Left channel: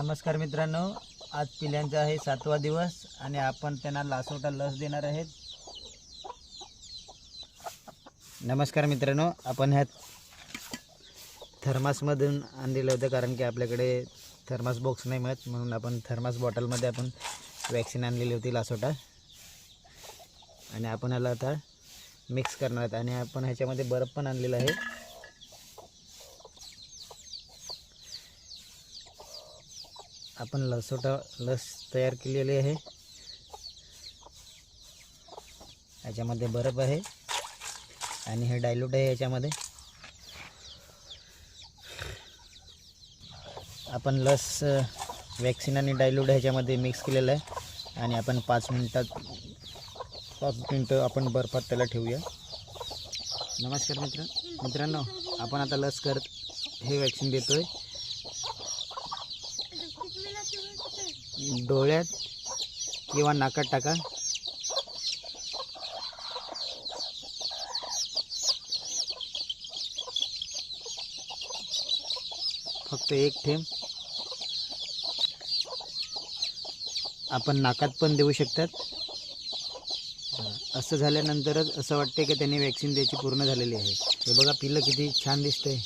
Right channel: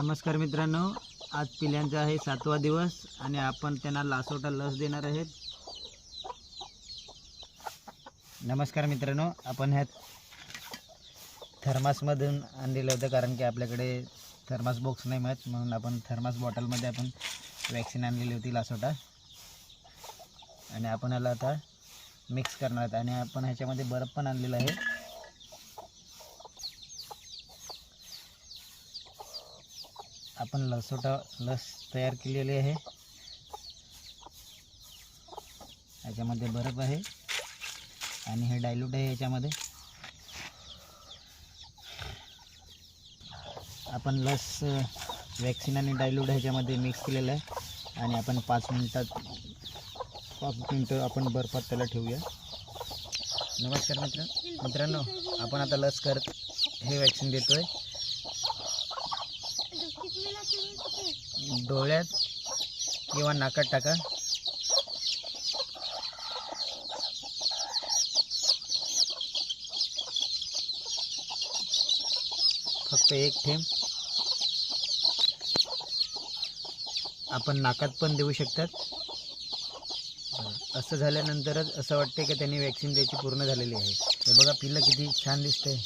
नमस्कार मित्रांनो, आज पिल्यांचा आहे 7वा दिवस आणि आपण त्यांना लासोटा लस देणार आहेत. नमस्कार मित्रांनो, आपण ह्या थर्मासमधून आणलेलं होतं कारण की आपल्याकडे थर्मास बॉक्स नाही मिळत, म्हणून आपण थर्मास बॉटलमध्ये आपण वॅक्सिन आणलेली होती लासोटा. आणि आपण ह्याला आता मिक्स करणार आहोत आणि आपण ह्याच्यामध्ये बर्फ पण आणलेला आहे. आपण लासोटा लस तयार केलेली आहे. याच्यामध्ये बर्फ आहे आणि हे डायल्यूट आहे. याच्यामध्ये आपण लस वॅक्सिन आणि डायल्यूट ह्याच्यामध्ये मिक्स केलेलं आहे आणि आपण 5 मिनटं आपण बर्फात त्याला ठेवूया. नमस्कार मित्रांनो, आपण आता लस करत हे वॅक्सिन देतोय. डोळ्यात किंवा नाकात टाका. फक्त एक थेंब. आपण नाकात पण देऊ शकतात. असं झाल्यानंतरच असं वाटते की त्यांनी वॅक्सिन द्यायची पूर्ण झालेली आहे. हे बघा, पिल्लं किती छान दिसतंय.